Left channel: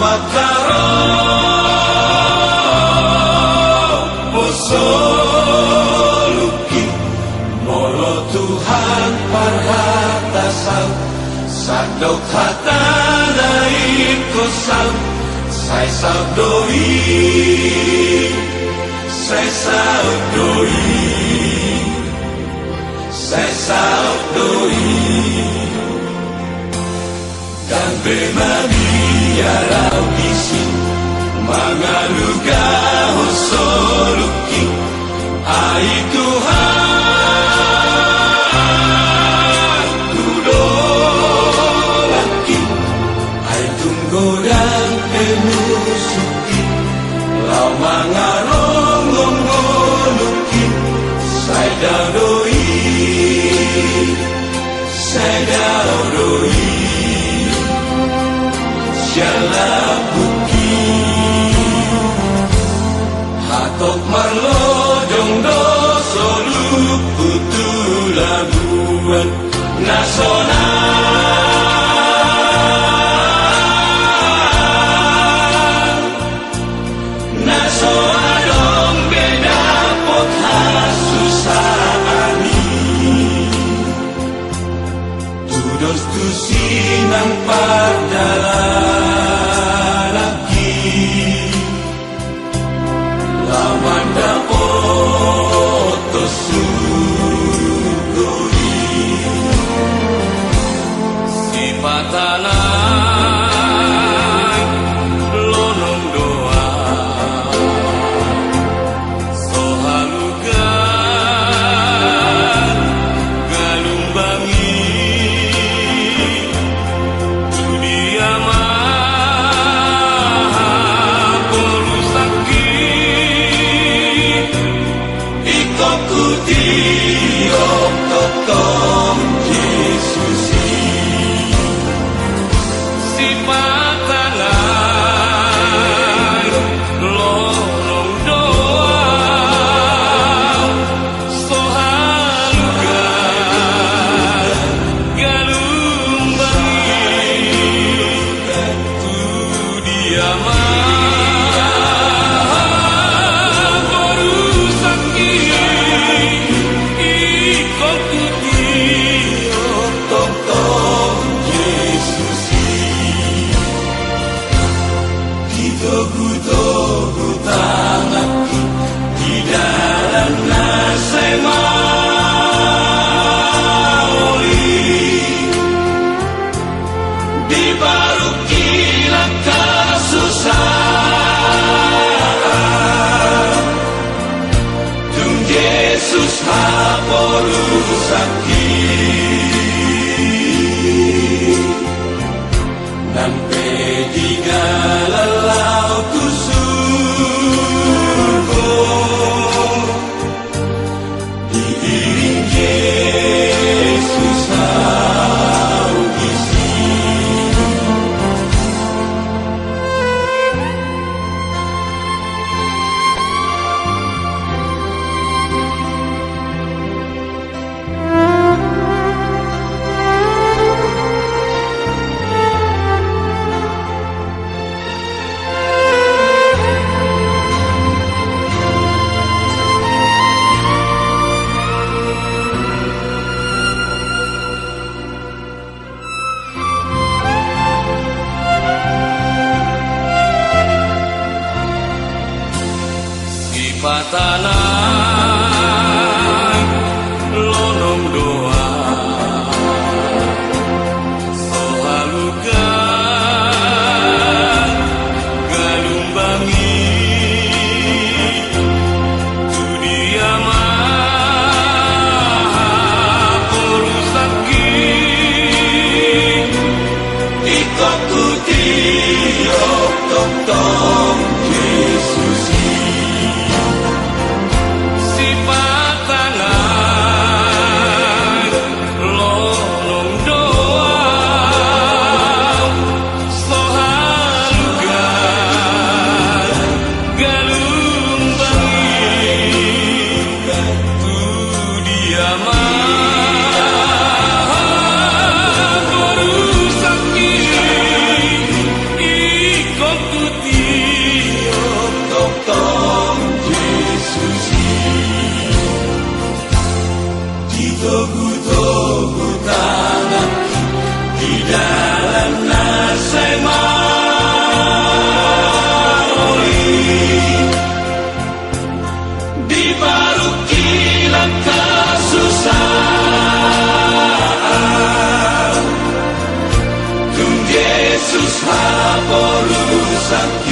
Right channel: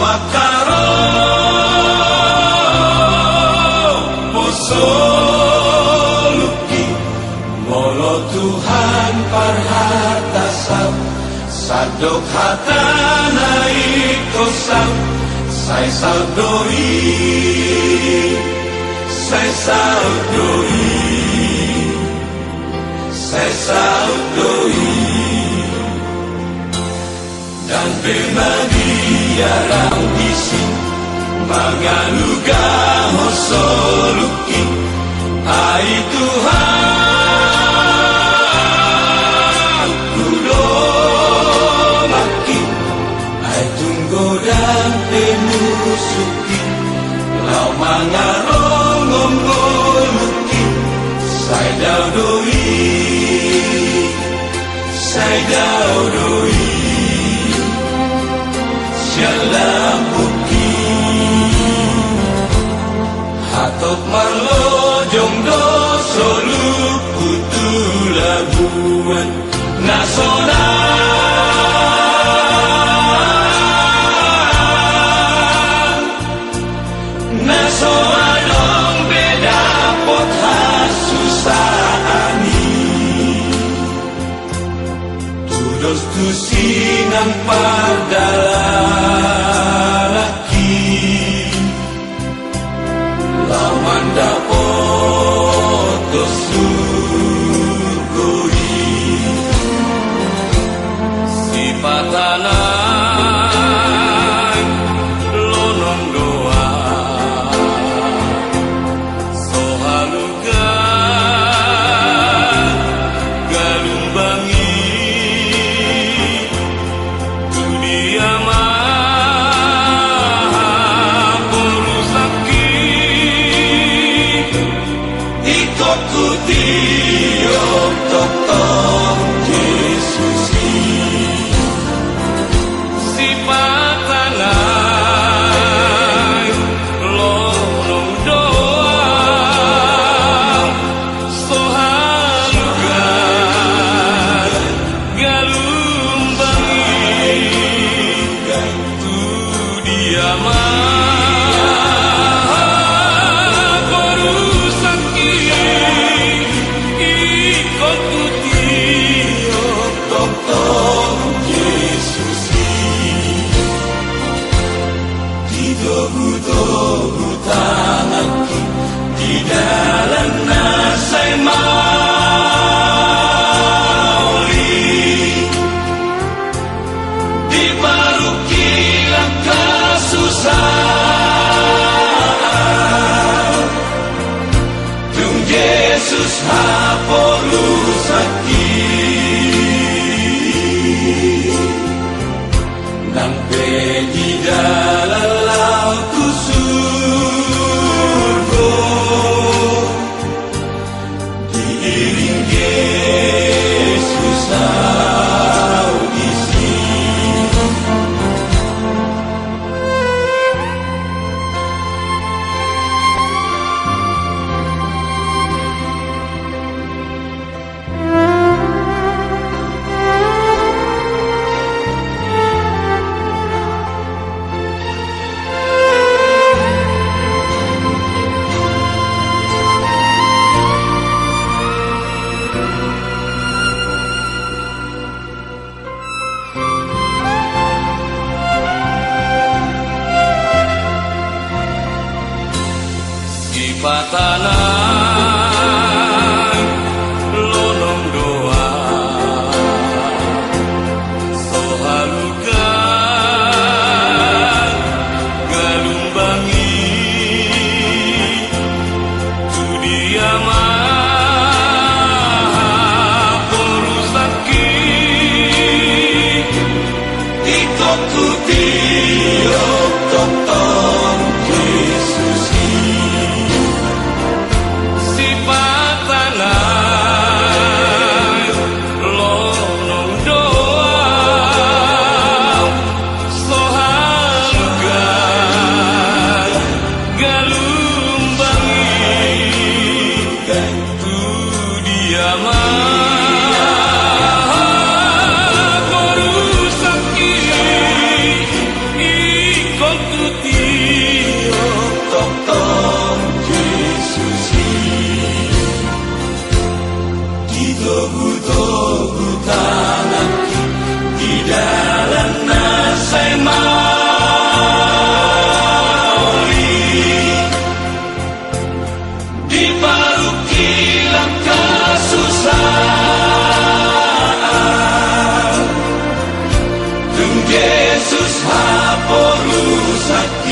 makaro poso luki molo Tuhan parhatasan sadok hatanai kosal sai saudoi sai saudoi sai saudoi dan bemania raudisi mangaluga hosoluki ai Tuhan kudolaki ai tunggodan temusuki lamangarongongoluki sai daudoi sai daudoi Jalabuki hatok marlodong doso luku tulabuan nasoran dong beda pot hasusani tudos tu sinang padalah Lamanda oto sugoi sipatanai lonong doa sohaluga galumbangi dunia patanai lonong doa sohaluga galumbangi dunia maha porusaki ikuti tong Yesus patanai lonong doa sohaluga galumbangi tu dia maha porusaki iko Yesus hapolusan